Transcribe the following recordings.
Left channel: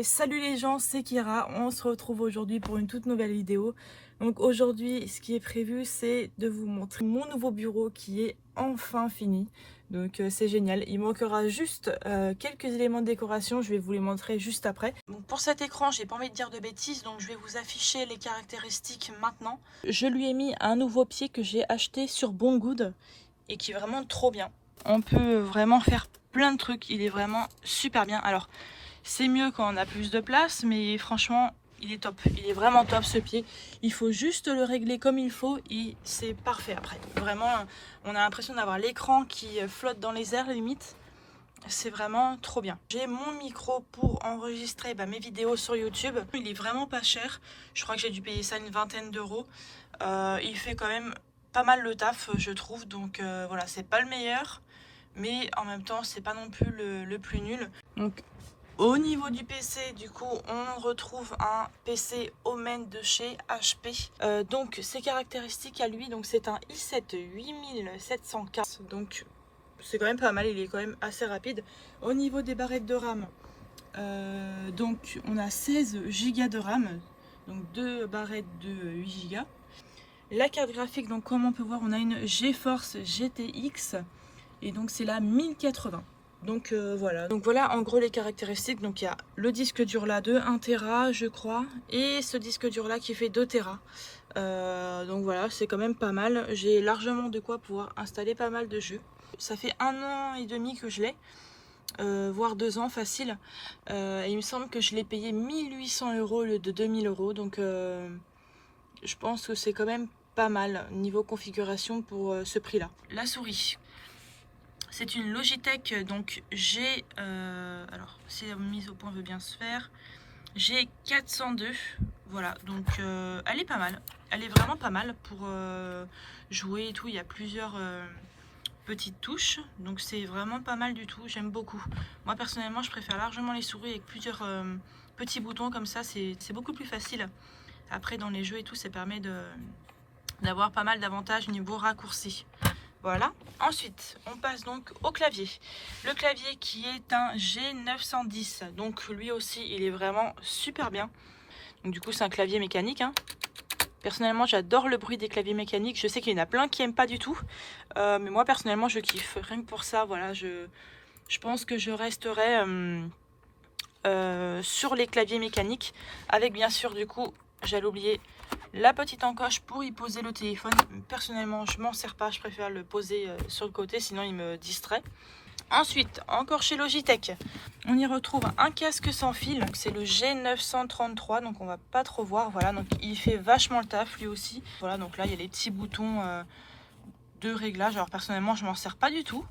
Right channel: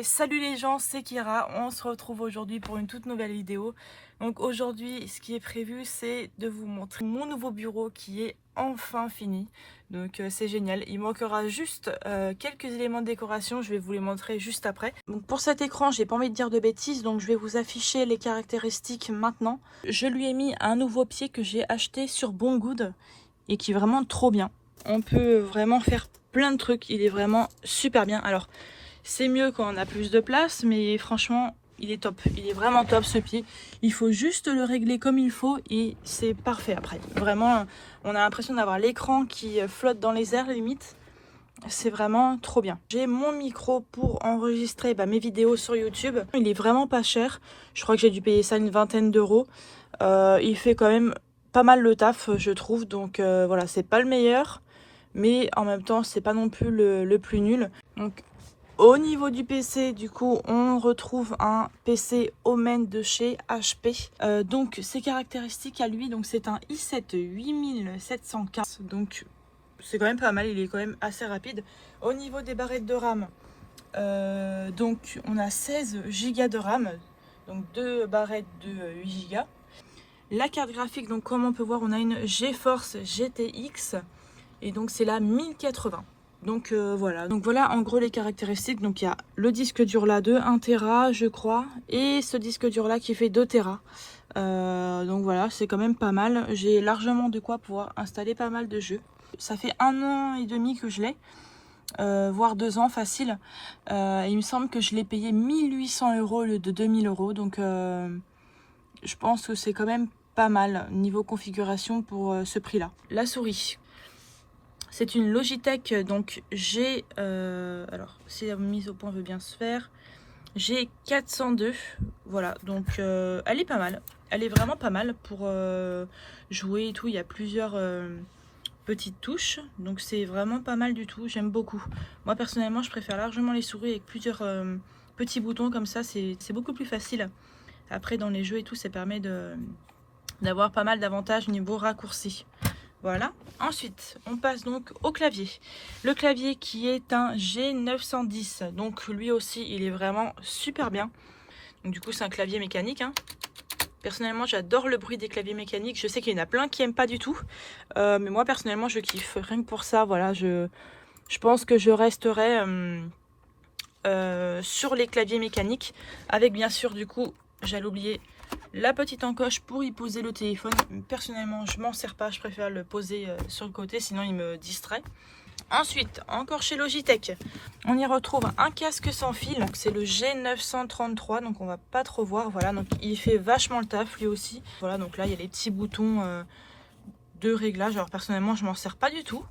Et salut les gens, c'est Kira, on se retrouve aujourd'hui pour une toute nouvelle vidéo. Donc aujourd'hui, ce qui est prévu, c'est de vous montrer mon nouveau bureau qui est enfin fini. Donc c'est génial, il manquera juste quelques éléments de décoration, je vais vous les montrer juste après. Donc pour cet écran, j'ai pas envie de dire de bêtises, donc je vais vous afficher les caractéristiques maintenant. Je lui ai mis un nouveau pied que j'ai acheté sur Banggood et qui est vraiment trop bien. On peut vraiment faire plein de trucs, il est vraiment super bien. Alors c'est mieux quand on a plus de place, mais franchement il est top, il est vraiment top ce pied. Il faut juste le régler comme il faut et c'est parfait après. Vraiment on a l'impression d'avoir l'écran qui flotte dans les airs limite. C'est vraiment trop bien. J'ai mon micro pour enregistrer mes vidéos sur YouTube. Il est vraiment pas cher, je crois que j'ai dû payer ça une vingtaine d'euros. Il fait quand même pas mal le taf je trouve, donc voilà, c'est pas le meilleur mais en même temps c'est pas non plus le plus nul. Donc au niveau du PC, du coup, on retrouve un PC Omen de chez HP. Donc ses caractéristiques à lui, donc c'est un i7 8700K, donc c'est quand même pas mal, il est quand même assez rapide. Au niveau des barrettes de RAM, donc on a 16 Go de RAM, donc 2 barrettes de 8 Go. La carte graphique, donc comme on peut voir, on a une GeForce GTX et donc c'est la 1080. Donc voilà. Donc voilà en gros les caractéristiques. Donc il y a le disque dur là de 1 Tera je crois, et ce disque dur là qui fait 2 Tera. Donc voilà, c'est quand même pas mal. J'ai largement de quoi pouvoir installer pas mal de jeux. Ça fait 1 an et demi que je l'ai, voire 2 ans facile. Il me semble que je l'ai payé 1800 € au lieu de 2000 €. Donc je pense que c'est quand même pas mal niveau configuration pour ce prix là. La souris, c'est une Logitech, donc j'ai alors si la mise au point veut bien se faire, j'ai 402, voilà, donc elle est pas mal, elle est vraiment pas mal pour jouer et tout. Il y a plusieurs petites touches, donc c'est vraiment pas mal du tout, j'aime beaucoup. Moi personnellement je préfère largement les souris avec plusieurs petits boutons comme ça, c'est beaucoup plus facile. Après dans les jeux et tout, ça permet d'avoir pas mal d'avantages niveau raccourci. Voilà. Ensuite, on passe donc au clavier. Le clavier qui est un G910. Donc lui aussi, il est vraiment super bien. Donc du coup, c'est un clavier mécanique, hein. Personnellement, j'adore le bruit des claviers mécaniques. Je sais qu'il y en a plein qui n'aiment pas du tout. Mais moi, personnellement, je kiffe. Rien que pour ça, voilà, je pense que je resterai sur les claviers mécaniques. Avec bien sûr, du coup, j'allais oublier la petite encoche pour y poser le téléphone. Personnellement je m'en sers pas, je préfère le poser sur le côté, sinon il me distrait. Ensuite, encore chez Logitech, on y retrouve un casque sans fil, c'est le G933, donc on va pas trop voir. Voilà, donc il fait vachement le taf lui aussi. Voilà, donc là il y a les petits boutons de réglage. Alors personnellement je m'en sers pas du tout,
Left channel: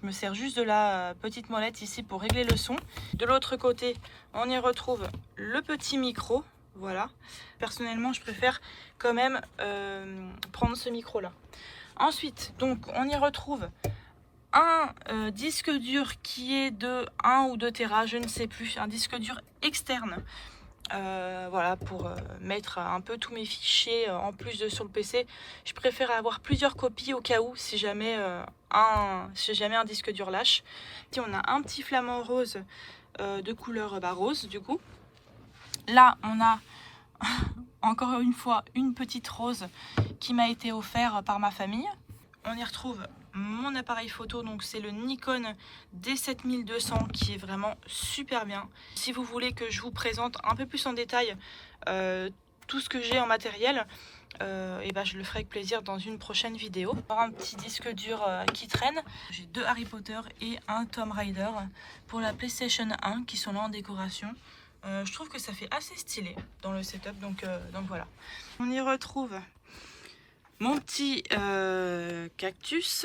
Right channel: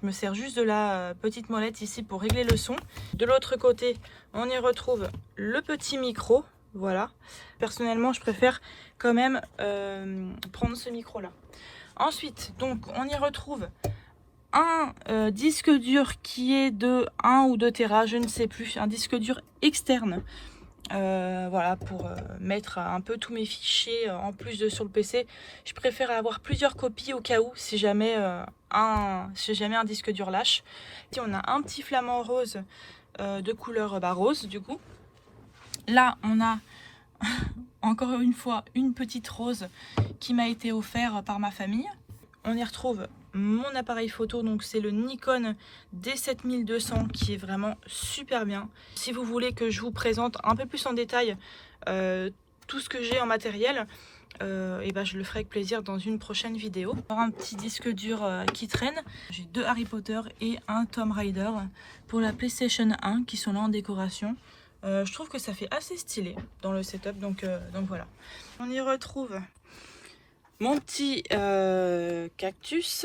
je me sers juste de la petite molette ici pour régler le son. De l'autre côté, on y retrouve le petit micro. Voilà, personnellement je préfère quand même prendre ce micro là. Ensuite, donc on y retrouve un disque dur qui est de 1 ou 2 Tera, je ne sais plus, un disque dur externe. Voilà, pour mettre un peu tous mes fichiers en plus de sur le PC. Je préfère avoir plusieurs copies au cas où, si jamais un disque dur lâche. Ici on a un petit flamant rose de couleur rose du coup. Là on a encore une fois une petite rose qui m'a été offerte par ma famille. On y retrouve mon appareil photo, donc c'est le Nikon D7200 qui est vraiment super bien. Si vous voulez que je vous présente un peu plus en détail tout ce que j'ai en matériel, et je le ferai avec plaisir dans une prochaine vidéo. Un petit disque dur qui traîne. J'ai 2 Harry Potter et un Tomb Raider pour la PlayStation 1 qui sont là en décoration. Je trouve que ça fait assez stylé dans le setup, donc voilà. On y retrouve mon petit cactus,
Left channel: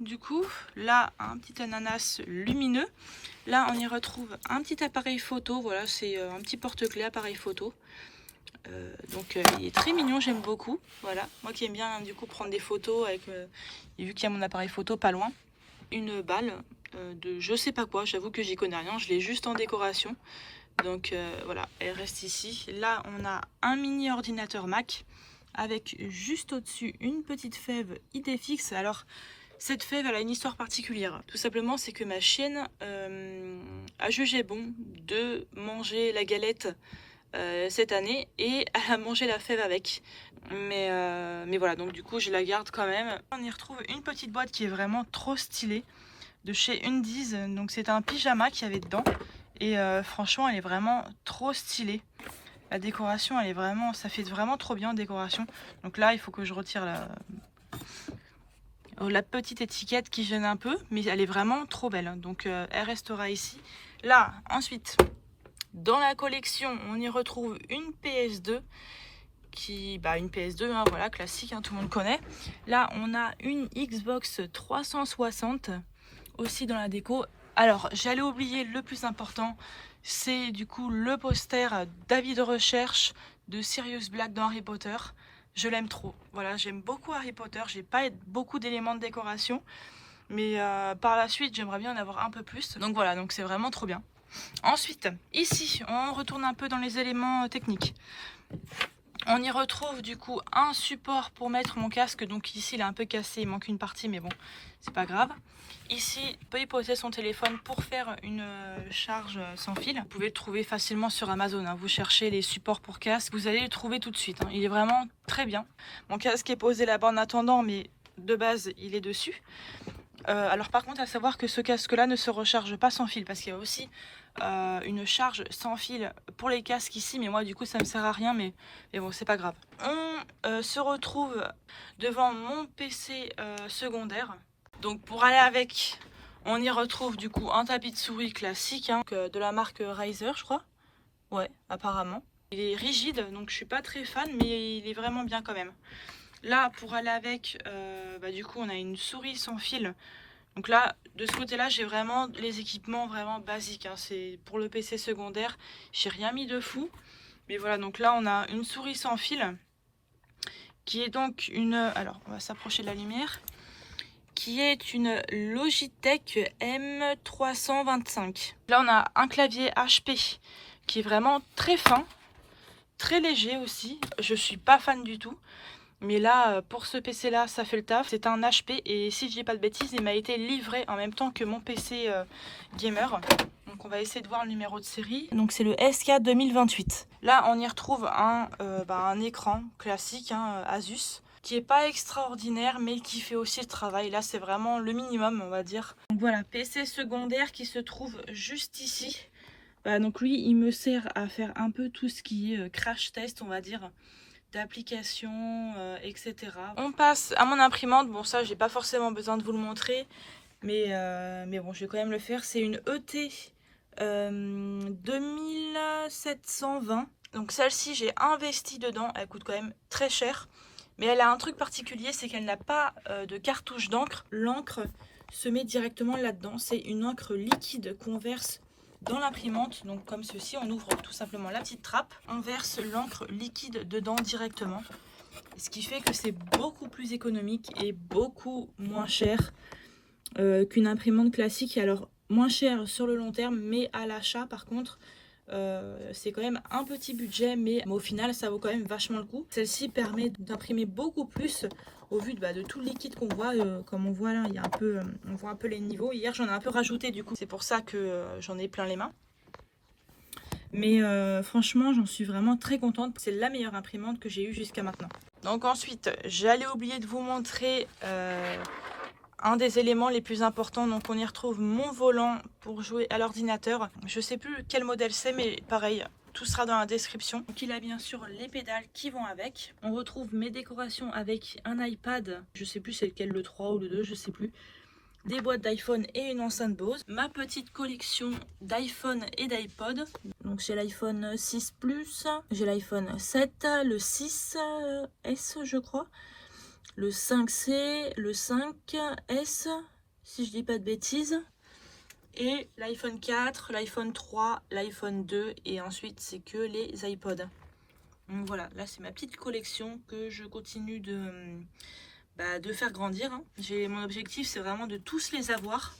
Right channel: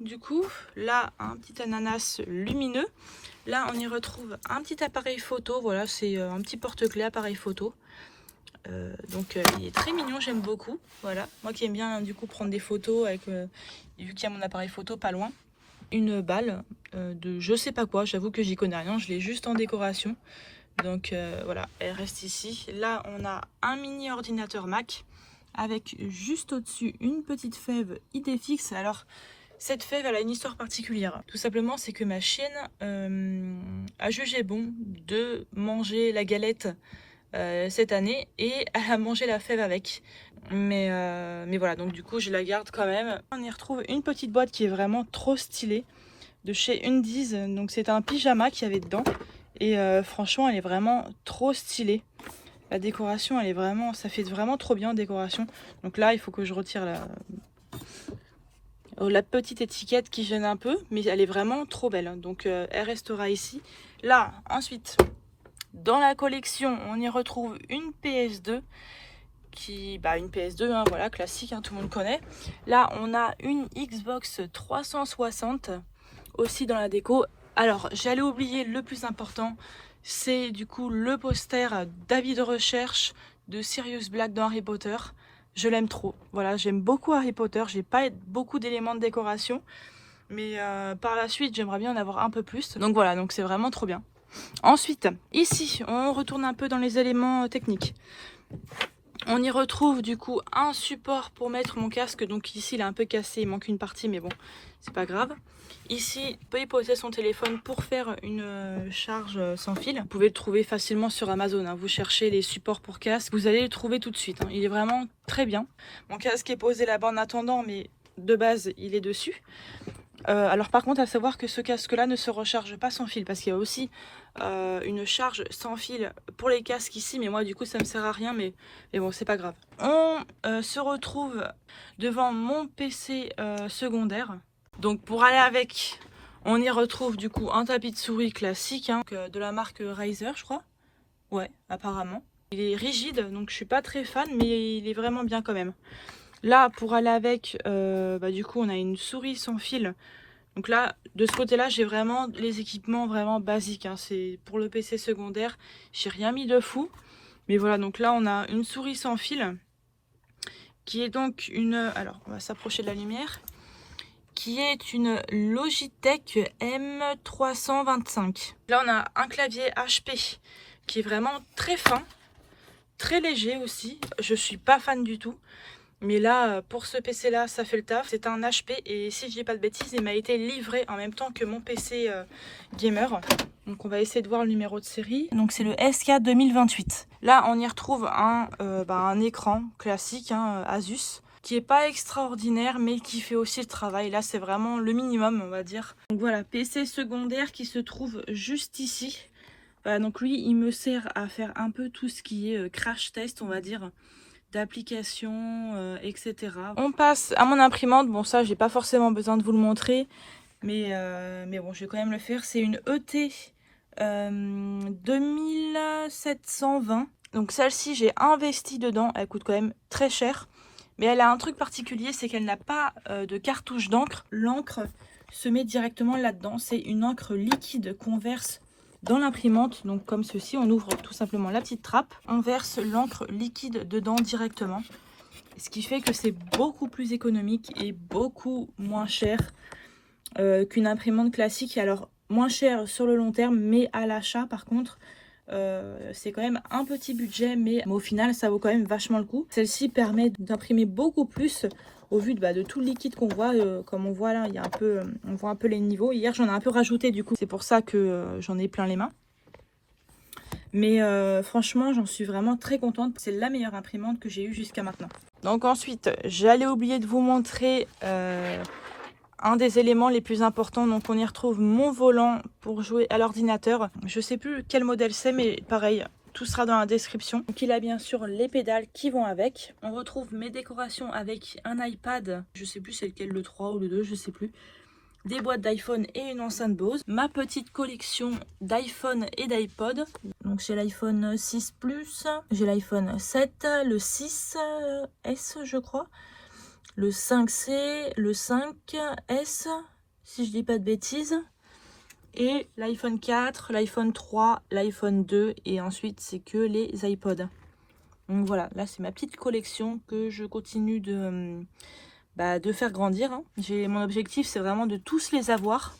du coup, là un petit ananas lumineux. Là on y retrouve un petit appareil photo, voilà, c'est un petit porte-clés appareil photo. Donc il est très mignon, j'aime beaucoup. Voilà, moi qui aime bien du coup prendre des photos avec, vu qu'il y a mon appareil photo pas loin. Une balle de je sais pas quoi, j'avoue que j'y connais rien, je l'ai juste en décoration. Donc voilà, elle reste ici. Là on a un mini ordinateur Mac avec juste au-dessus une petite fève Idéfix. Alors cette fève elle a une histoire particulière. Tout simplement c'est que ma chienne a a jugé bon de manger la galette cette année et elle a mangé la fève avec. Mais voilà, donc du coup je la garde quand même. On y retrouve une petite boîte qui est vraiment trop stylée de chez Undies. Donc c'est un pyjama qu'il y avait dedans et franchement elle est vraiment trop stylée. La décoration elle est vraiment, ça fait vraiment trop bien en décoration. Donc là il faut que je retire la petite étiquette qui gêne un peu, mais elle est vraiment trop belle. Donc elle restera ici. Là ensuite dans la collection on y retrouve une PS2 une PS2 hein, voilà, classique, hein, tout le monde connaît. Là on a une Xbox 360 aussi dans la déco. Alors j'allais oublier le plus important, c'est du coup le poster d'avis de recherche de Sirius Black dans Harry Potter. Je l'aime trop, voilà, j'aime beaucoup Harry Potter, j'ai pas beaucoup d'éléments de décoration, mais par la suite j'aimerais bien en avoir un peu plus. Donc voilà, donc c'est vraiment trop bien. Ensuite, ici, on retourne un peu dans les éléments techniques. On y retrouve du coup un support pour mettre mon casque. Donc ici, il est un peu cassé, il manque une partie, mais bon, c'est pas grave. Ici, on peut y poser son téléphone pour faire une charge sans fil. Vous pouvez le trouver facilement sur Amazon, hein. Vous cherchez les supports pour casque, vous allez le trouver tout de suite, hein. Il est vraiment très bien. Mon casque est posé là-bas en attendant, mais de base, il est dessus. Alors par contre, à savoir que ce casque-là ne se recharge pas sans fil, parce qu'il y a aussi une charge sans fil pour les casques ici, mais moi du coup ça me sert à rien, mais bon, c'est pas grave. On se retrouve devant mon PC secondaire. Donc pour aller avec, on y retrouve du coup un tapis de souris classique, hein, de la marque Razer, je crois. Ouais, apparemment. Il est rigide, donc je suis pas très fan, mais il est vraiment bien quand même. Là, pour aller avec, du coup, on a une souris sans fil. Donc là, de ce côté-là, j'ai vraiment les équipements vraiment basiques, hein. C'est pour le PC secondaire, j'ai rien mis de fou. Mais voilà, donc là, on a une souris sans fil, qui est donc une... Alors, on va s'approcher de la lumière. Qui est une Logitech M325. Là, on a un clavier HP, qui est vraiment très fin, très léger aussi. Je suis pas fan du tout. Mais là, pour ce PC là, ça fait le taf. C'est un HP et si je dis pas de bêtises, il m'a été livré en même temps que mon PC gamer. Donc on va essayer de voir le numéro de série. Donc c'est le SK 2028. Là, on y retrouve un écran classique, hein, Asus, qui est pas extraordinaire, mais qui fait aussi le travail. Là, c'est vraiment le minimum, on va dire. Donc voilà, PC secondaire qui se trouve juste ici. Voilà, donc lui, il me sert à faire un peu tout ce qui est crash test, on va dire, d'applications, etc. On passe à mon imprimante. Bon, ça j'ai pas forcément besoin de vous le montrer, mais bon, je vais quand même le faire. C'est une ET 2720. Donc celle-ci, j'ai investi dedans. Elle coûte quand même très cher, mais elle a un truc particulier, c'est qu'elle n'a pas de cartouche d'encre. L'encre se met directement là-dedans. C'est une encre liquide qu'on verse dans l'imprimante, donc comme ceci. On ouvre tout simplement la petite trappe, on verse l'encre liquide dedans directement, ce qui fait que c'est beaucoup plus économique et beaucoup moins cher qu'une imprimante classique. Alors moins cher sur le long terme, mais à l'achat par contre c'est quand même un petit budget, mais au final ça vaut quand même vachement le coup. Celle-ci permet d'imprimer beaucoup plus au vu de tout le liquide qu'on voit. Comme on voit là, il y a un peu, on voit un peu les niveaux. Hier j'en ai un peu rajouté, du coup c'est pour ça que j'en ai plein les mains. Mais franchement j'en suis vraiment très contente. C'est la meilleure imprimante que j'ai eue jusqu'à maintenant. Donc ensuite j'allais oublier de vous montrer un des éléments les plus importants. Donc on y retrouve mon volant pour jouer à l'ordinateur. Je sais plus quel modèle c'est, mais pareil, tout sera dans la description. Donc il a bien sûr les pédales qui vont avec. On retrouve mes décorations avec un iPad, je sais plus c'est lequel, le 3 ou le 2, je sais plus. Des boîtes d'iPhone et une enceinte Bose. Ma petite collection d'iPhone et d'iPod. Donc j'ai l'iPhone 6 Plus, j'ai l'iPhone 7, le 6S je crois, le 5C, le 5S, si je dis pas de bêtises, et l'iPhone 4, l'iPhone 3, l'iPhone 2, et ensuite c'est que les iPods. Donc voilà, là c'est ma petite collection que je continue de faire grandir, hein. Mon objectif c'est vraiment de tous les avoir.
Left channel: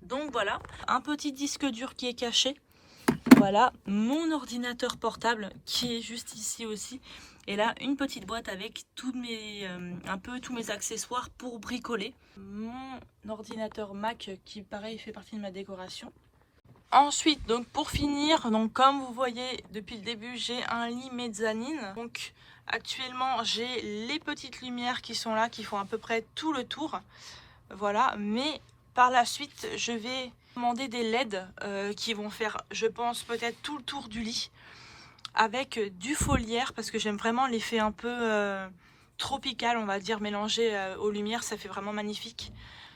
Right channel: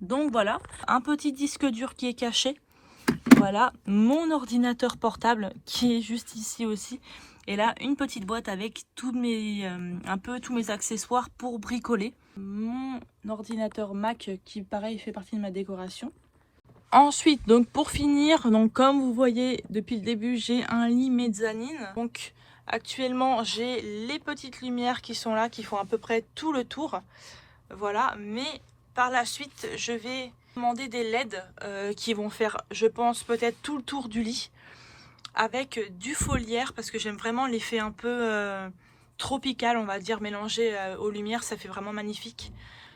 Donc voilà, un petit disque dur qui est caché. Voilà, mon ordinateur portable qui est juste ici aussi. Et là, une petite boîte avec tous mes accessoires pour bricoler. Mon ordinateur Mac qui, pareil, fait partie de ma décoration. Ensuite, donc pour finir, donc comme vous voyez depuis le début, j'ai un lit mezzanine. Donc actuellement, j'ai les petites lumières qui sont là, qui font à peu près tout le tour. Voilà, mais par la suite, je vais commander des LED qui vont faire, je pense, peut-être tout le tour du lit avec du foliaire parce que j'aime vraiment l'effet un peu tropical, on va dire, mélangé aux lumières. Ça fait vraiment magnifique.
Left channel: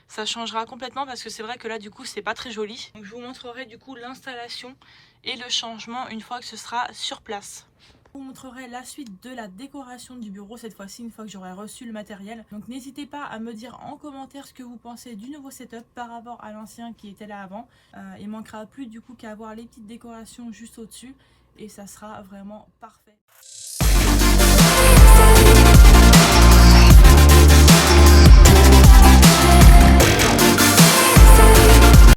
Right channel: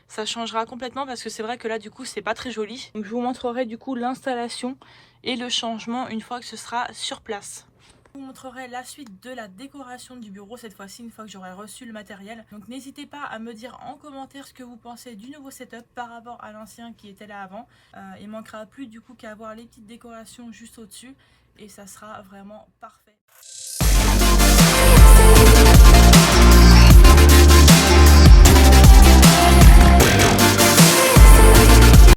Ça changera complètement parce que c'est vrai que là, du coup, c'est pas très joli. Donc, je vous montrerai du coup l'installation et le changement une fois que ce sera sur place. Je vous montrerai la suite de la décoration du bureau cette fois-ci une fois que j'aurai reçu le matériel. Donc n'hésitez pas à me dire en commentaire ce que vous pensez du nouveau setup par rapport à l'ancien qui était là avant. Il manquera plus du coup qu'à avoir les petites décorations juste au-dessus et ça sera vraiment parfait.